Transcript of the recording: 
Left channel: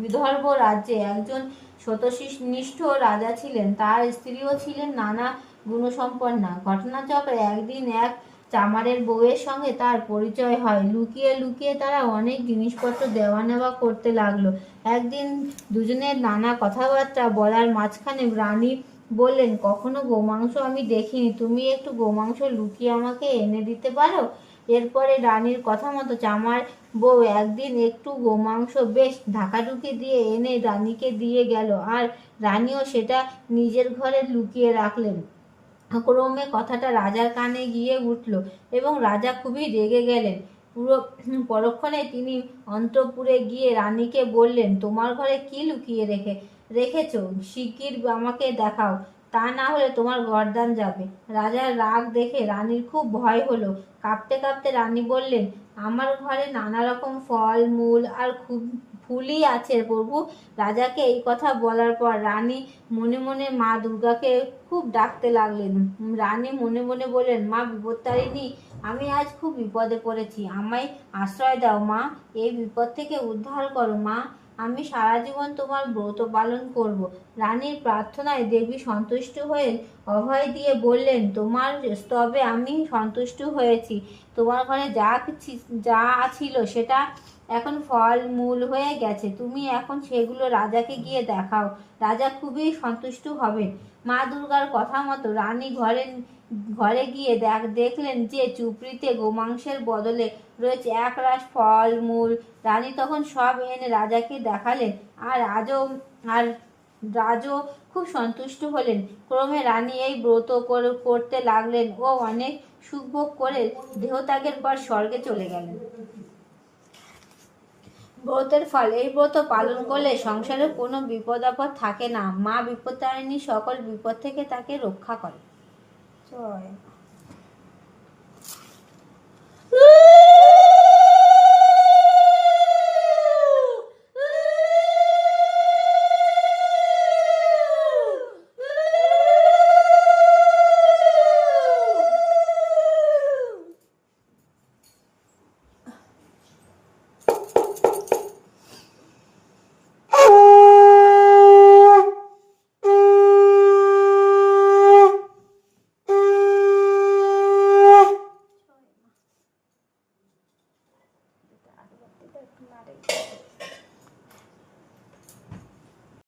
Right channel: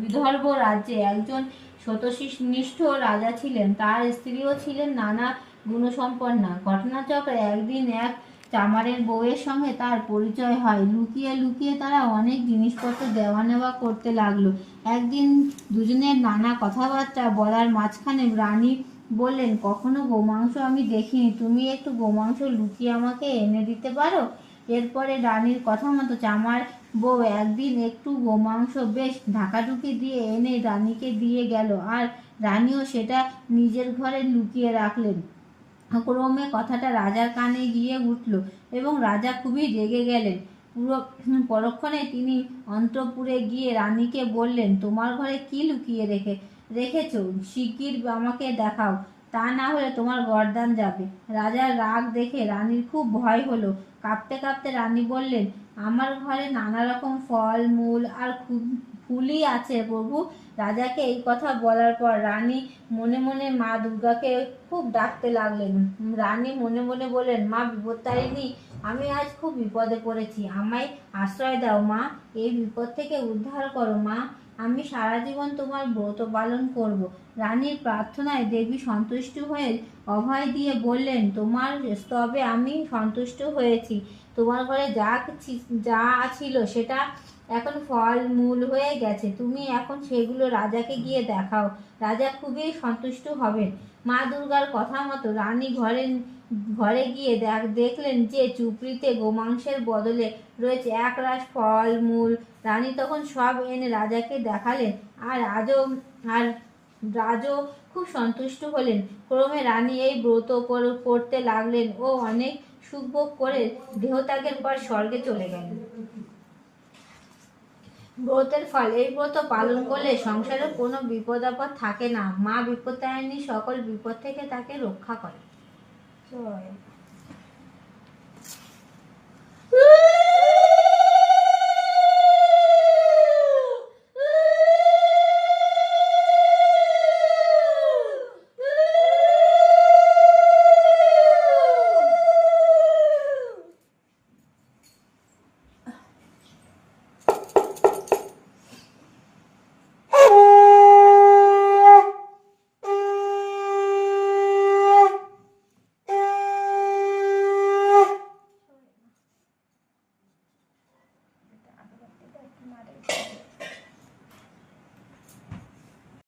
বিদর্ভ রাজ্যে একজন সত্যনিষ্ঠ রাজা ছিলেন। তার স্ত্রীও ছিলেন নানা গুণসম্পন্না। ঘটনাচক্রে একদিন এক চামারের বউয়ের সঙ্গে তার পরিচয় হয়। লুকিয়ে লুকিয়ে তারা অনেক জিনিসপত্র দেওয়া নেওয়া করতে লাগলো। একদিন দুজনের নানা কথাবার্তা বলার মাঝখানে রানী বললেন, কখনো গোমাংস আমি দেখিনি, তুমি একটু গোমাংস লুকিয়ে আমাকে এনে দিতে পারো? এরপরে রানীর কথা মতো চামার বউ একদিন একটু গোমাংস বেশ ঢাকাঢুকি দিয়ে এনে রানীকে দিয়ে গেল, আর রানীও সেটা নিজের ঘরে লুকিয়ে রাখলেন। ক্রমে কথাটা রাজার কানে গিয়ে উঠল এবং রাজা খুবই রেগে গেলেন। পরক্ষণে তিনি অন্তঃপুরে গিয়ে রানীকে বললেন, তোমার ঘরে কি লুকিয়ে রেখেছো? শিগগির আমাকে দেখাও, তা না হলে তোমার গর্দান যাবে। রাজার রাগ দেখে রানীর খুব ভয় হলো। কাঁপতে কাঁপতে রানী বললেন, আমার ঘরে নানা রকম ফল মূল আর খুব ফুলই আছে প্রভু। রাজাকে এই কথা বলার পর রানী মনে মনে মা দুর্গাকে খুব ডাকতে লাগলেন। রানী মনে মনে বললেন, মা বিপত্তারিণী, আমি আজ খুব বিপদে পড়েছি, আমায় আশ্রয় দাও মা, এই বিপদ থেকে উদ্ধার করো মা, আমি সারা জীবন তোমার ব্রত পালন করব। রানীর প্রার্থনায় দেবী সন্তুষ্ট হয়ে অভয় দিয়ে বললেন, তোমার স্তবে আমি সন্তুষ্ট হয়েছি। তোমার ঘরে যা ছিল সেটা এখন ফল মূল হয়ে গেছে, তুমি এখন সেগুলো রাজাকে গিয়ে দেখাও, রাজা খুবই সন্তুষ্ট হবেন। মা দুর্গার কথা মতো রানী ঘরে গিয়ে দেখলেন যে চুপড়িতে গোমাংসের বদলে রয়েছে একরাশ ফল মূল। রানী তখন সব এনে রাজাকে দেখালেন, আর রাজও খুব সন্তুষ্ট হলেন। ক্রমে রানী এই ব্রত করতে লাগলেন ও অনেক সুখভোগ করে দেহত্যাগের পর স্বর্গে চলে গেলেন। ব্রতের ফল, এই ব্রত পালন করলে সংসারে কোনো বিপদ আপদ থাকে না। মা বিপত্তারিণী সকল বিপদ থেকে তাকে রক্ষা করে। জয়।